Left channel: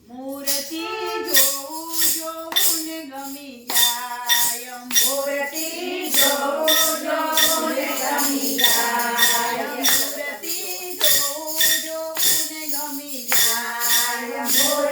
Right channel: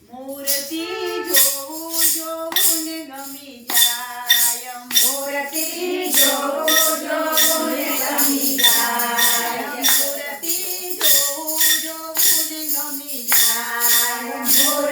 મૂર્તિ જોઉં જોઉં ને ગમી જાય. મૂર્તિ જોઉં જોઉં ને ગમી જાય. મૂર્તિ જોઉં જોઉં ને ગમી જાય.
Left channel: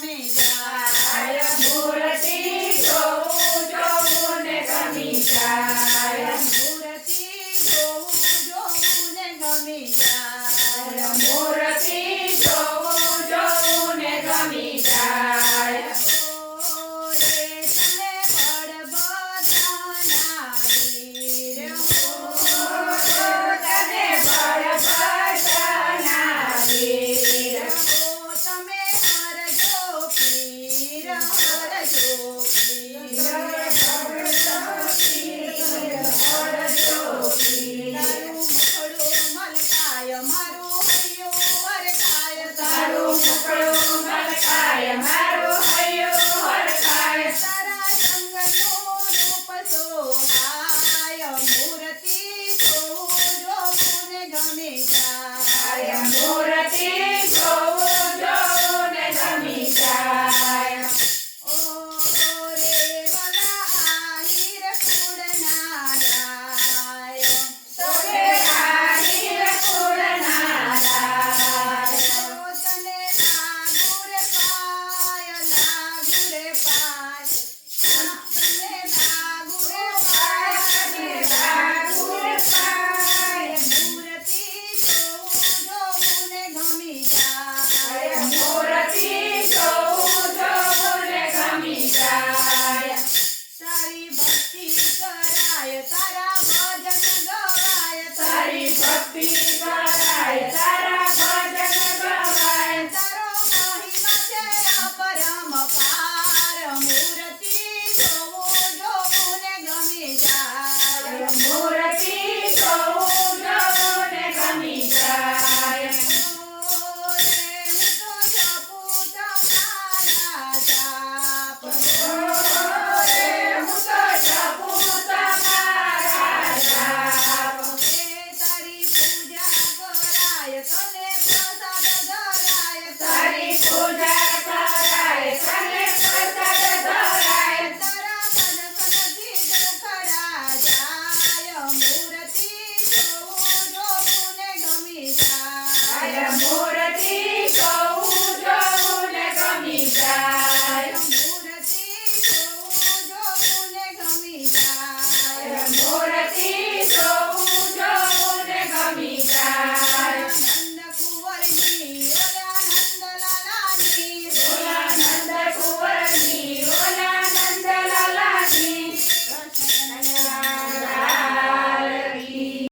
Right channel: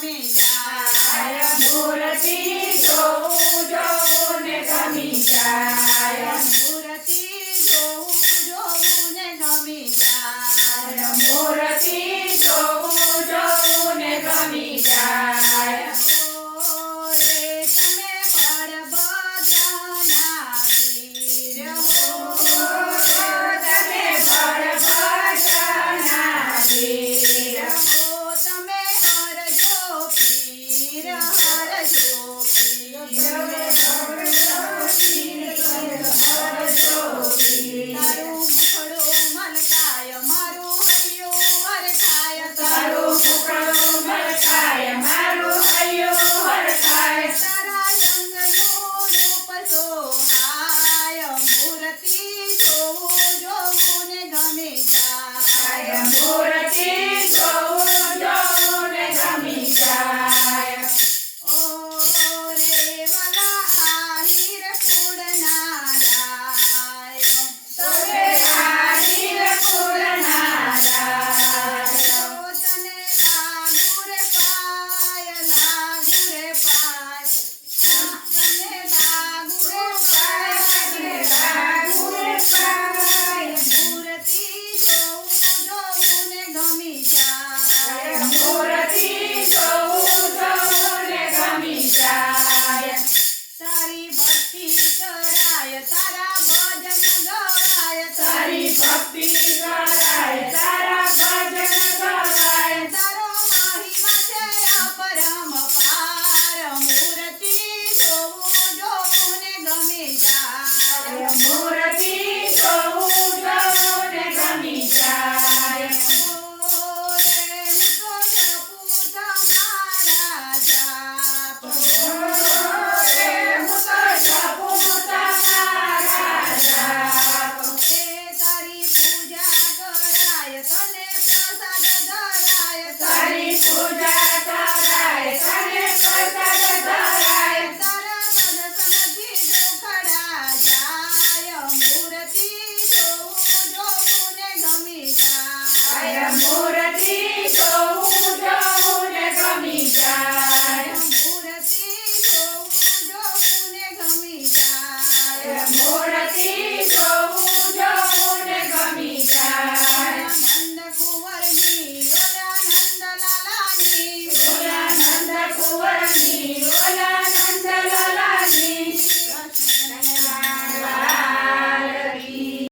ગમી જાય ભૂરતી જોઉં જોઉં ને ગમી જાય Deus.